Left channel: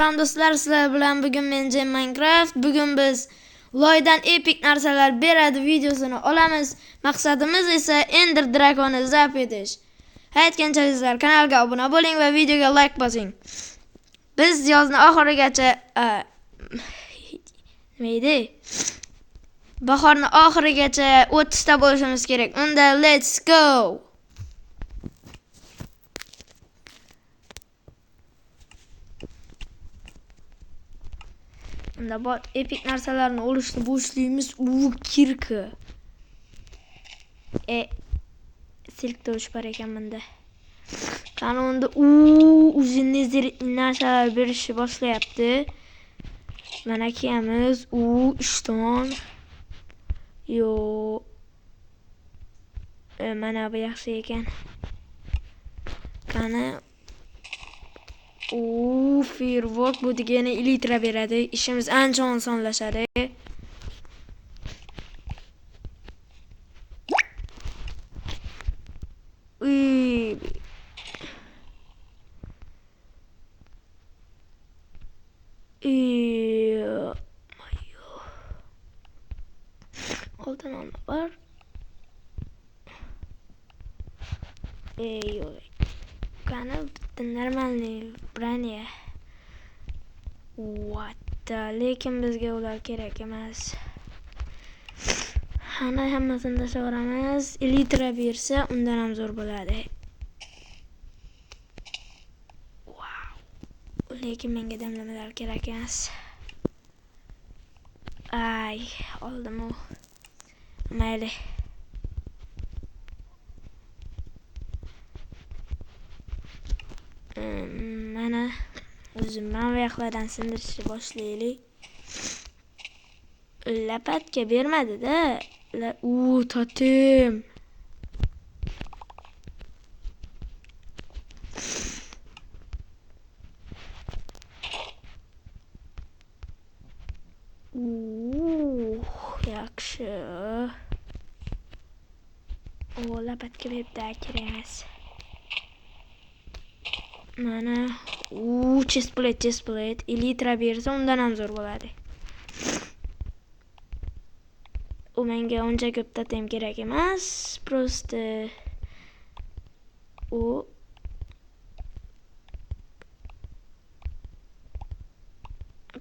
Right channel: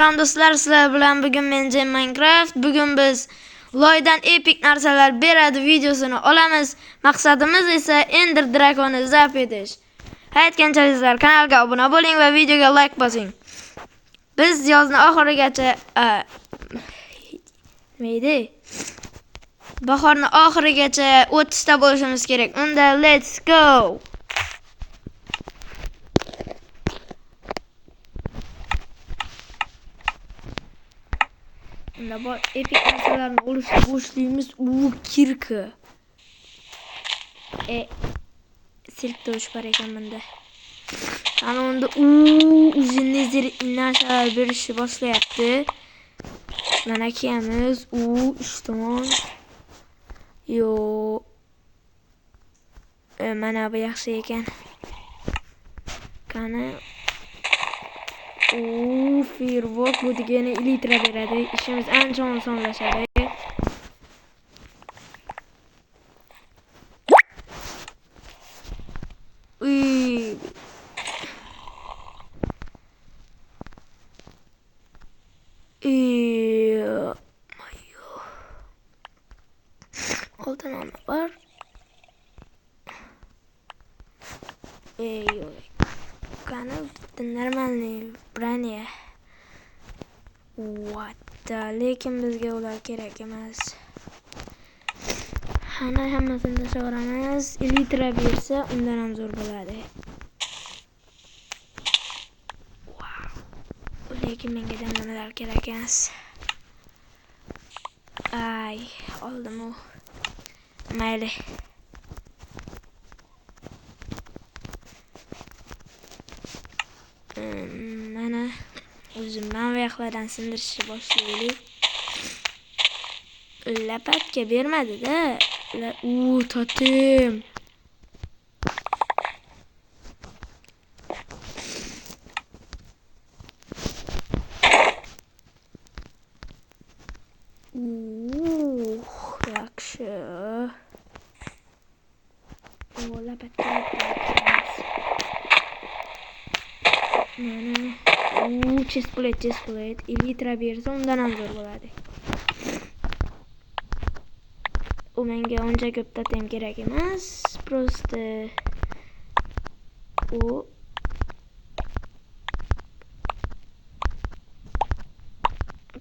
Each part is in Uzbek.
Selam dostlar, sizler bilan bugun men Jam Minecraft. Bugun biz loydan epik narsalar beradi videosini olamiz. Maqsadimiz esa Ender Dragon'ni zap etish. Aytganchalar kanalga obuna bo'ling va videoga like bosing. Biz yozni oxirigacha bahorni oxirigacha 30 ta bo'lishimiz kerak. Unda let's go. Unda bor epik narsalarni olishni boshlaymiz. Kirka. Silk tovush bor ekan bunda. Ana unda uzun narsalar berishni boshlayapti. Mana kiyamiz. Ishton. Yo. Mana bu yaxshi ekan. Qani Firewalk bu degani elitra beradi. İşimiz ancha osonlashadi. Oltan olma var. Kanal нормальный bronye. Lekin bizga ular kerak emas. Hammasini tashlaveramiz. Elitra bersa undan ham zo'r bo'ladi. Lekin menga damlamalar kerak emas. Oldim u. Mayli. Mana o'zimdan oyoqlardan sindirishni boshlaylik. Lapatga bermadi-da. Totem. Yaxshi. Lapatga kerak. Mana chestplate elitra bersa undan ham zo'r bo'ladi. U menga uncha ko'p totem kerak emas. Просто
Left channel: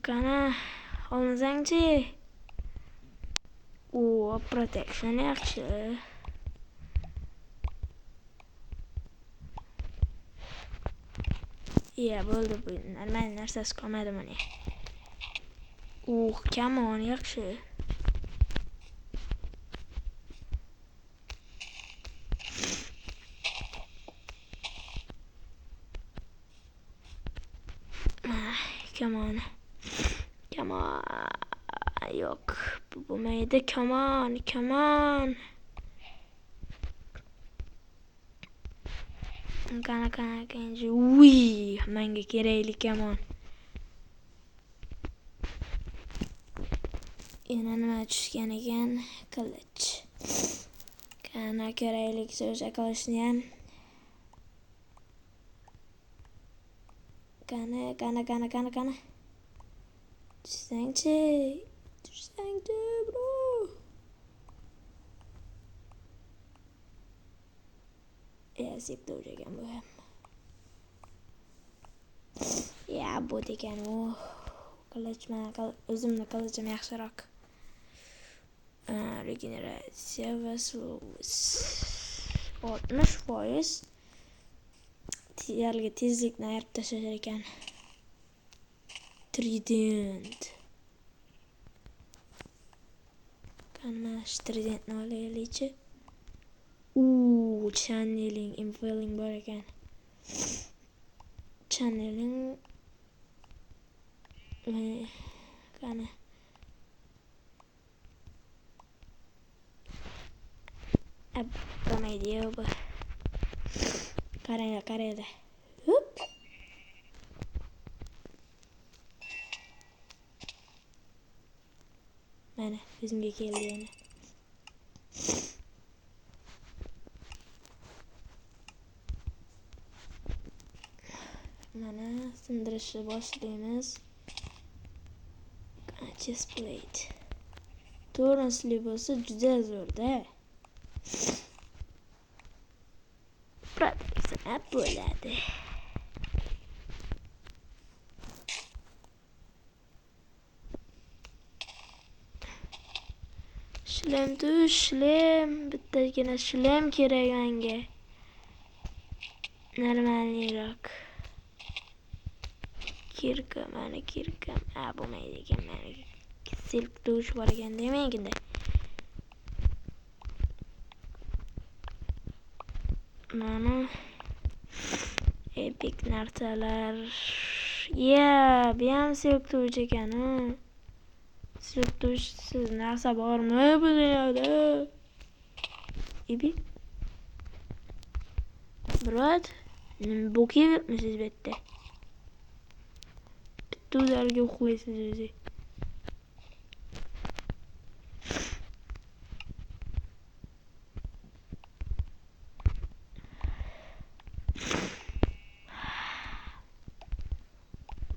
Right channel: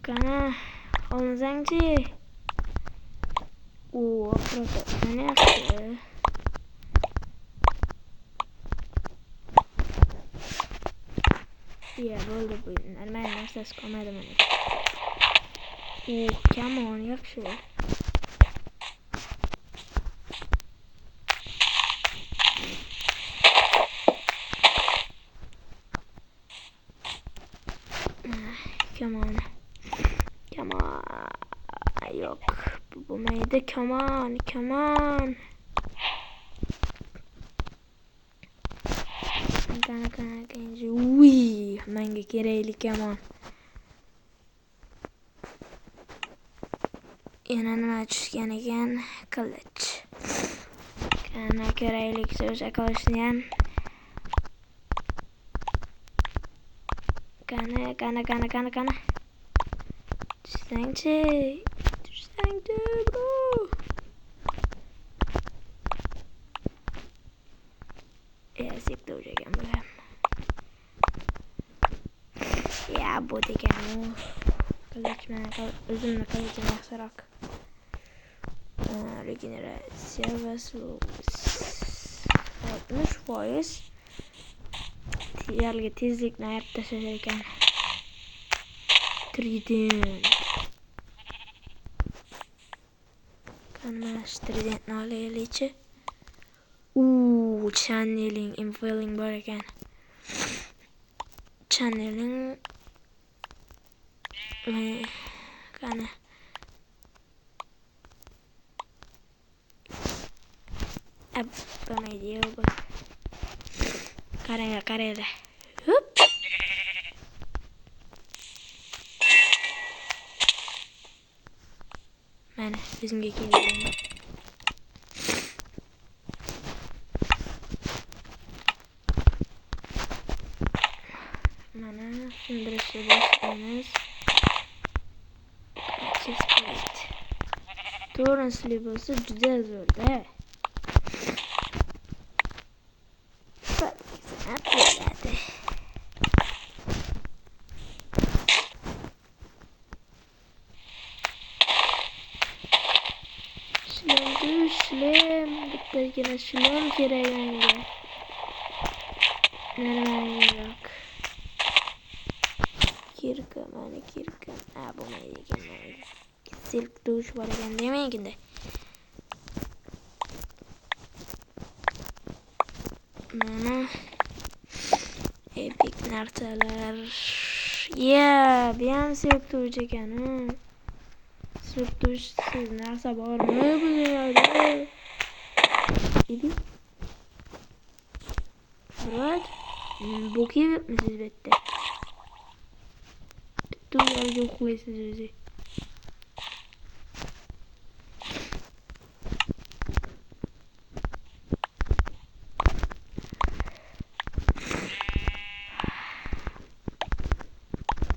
qana olmasangchi. Protection yaxshi. Bo'ldi bu. Normal narsasi qolmadi mana. Come on, yaxshi. Come on. Yo'q, bu bo'lmaydi. Come on. Qanaqa menga kerakli kamon. Yana nima tushgan ekan? Qilich. Qana keraklik o'sha qilichni ham. Qana. Tushsangchi, bro. Sikta ekan bu ham. Bu degan u. Qilichman, o'zimni qilichim yaxshiroq. Regeneratsiya va 60%. Yerga tezlikni ayirib tashlash ekan. Trident. Qani tridentni olaylik-chi. Channeling, infiling bor ekan. Channeling qani bo'lmaydi bu. Qaranglar. Mana bizimga keldi. Mana sindirishni boshladim. koyamiz. Chestplate. Torrensli bo'lsa juda zo'rda. Sanab bo'ladi. Shlem, bittagina shlem kerak menga. Normalroq. Kirka, mana kirka. Bo'lmaydi ekan mana. Silk dush bor ekan demaydi. Mana epic narsalar. Bu ham silk dush ekan. Silk dush narsa bormi bu dunyoda? Epic. Biroq bu kiyibmisiz bitta? Bitta ularga uxlaysiz o'zi.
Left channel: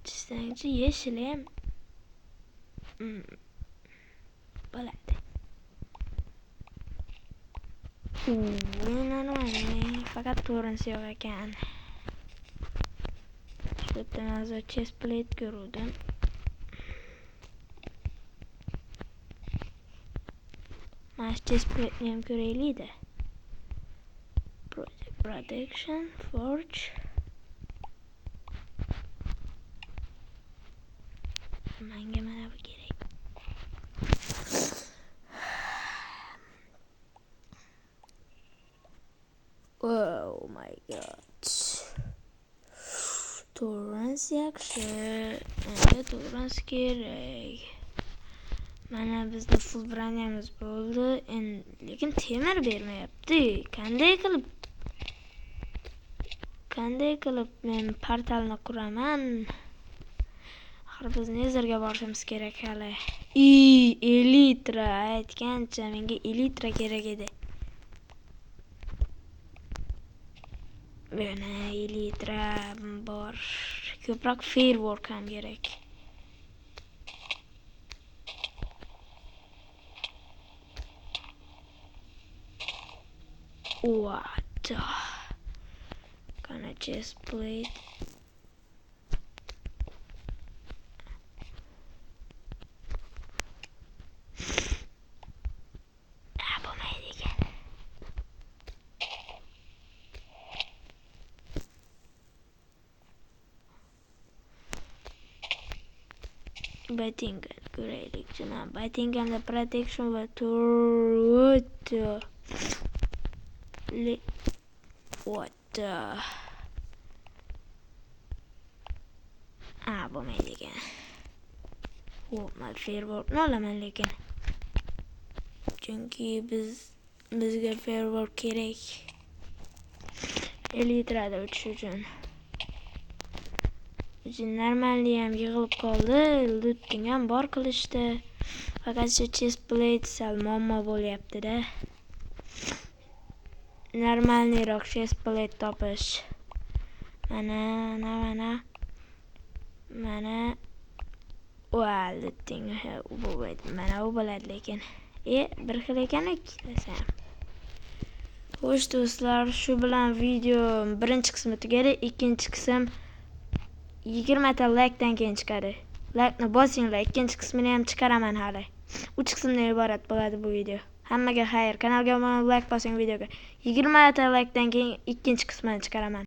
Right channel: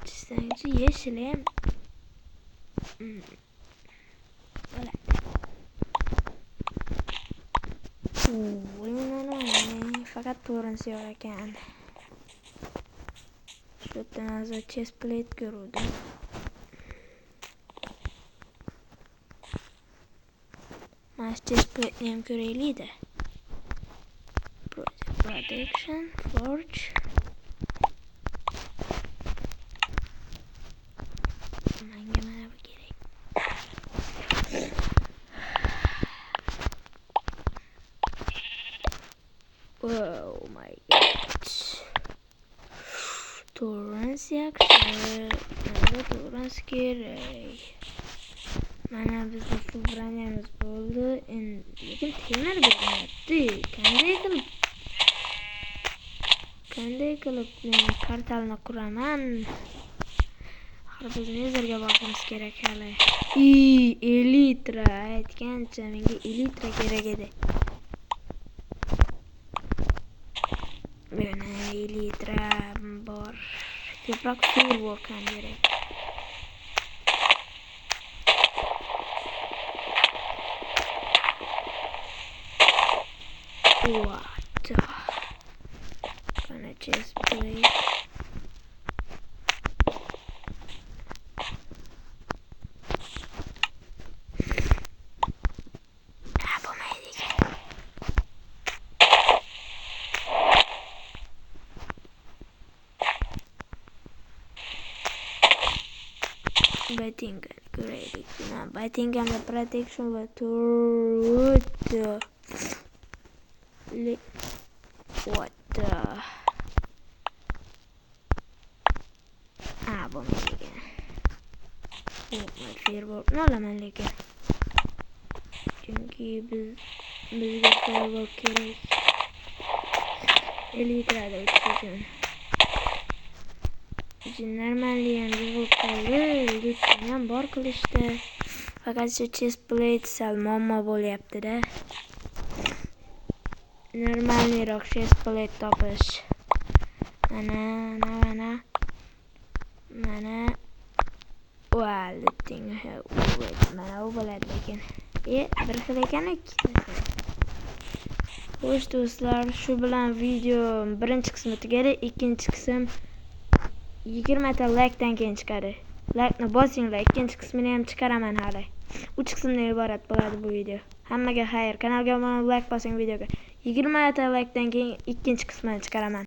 Chizsanchi yeşilim. Bo'ladi. Normal. Fakat torrens yo'q ekan. Shu yerdan hozir chestplate ko'rdim. Mana chestplate ham ko'raylik-da. Protection, forge. Menga mana bu kerak. Oh my god. Torrens yaxshi. Menga torrens kerak. Mana bizda full branyamiz bo'ldi. Lekin temir bermayapti. Qanday qilib men portalni quraman? Axir biz nezerga borishimiz kerak hali. Elitra aytgancha menga elitra kerak edi. Mana elitra bor. Ko'proq firework ham kerak. What? Gonna just play. Battingan ko'raylik. Battinganda protection va turret. What? Bo'lmaydi ekan. Firework olaman lekin. Chunki bizga firework kerak. Elitrada o'tish uchun. Normalli ham yig'ilib qoldi. Lutning ham bor qilishdi. Faqat shu chestplate sal muammo bo'lyapti-da. Normalniroq chestplate topish. Mana. Lutning. Mana u bo'ladi lekin. Bir xil ekan ikkitasi. Xo'sh do'stlar, shu bilan video birinchi qismi tugadi. Ikkinchi qism 20 ta like'dan keyin chiqadi. Like'ni bosinglar, ikkinchi qismini ham chiqaraman hali. 3 qismdan iborat bo'ladi bu video. Hammaga xayr. Kanalga obuna bo'lib like bosing videoga. 20 ta like'dan keyin ikkinchi qismini chiqaraman.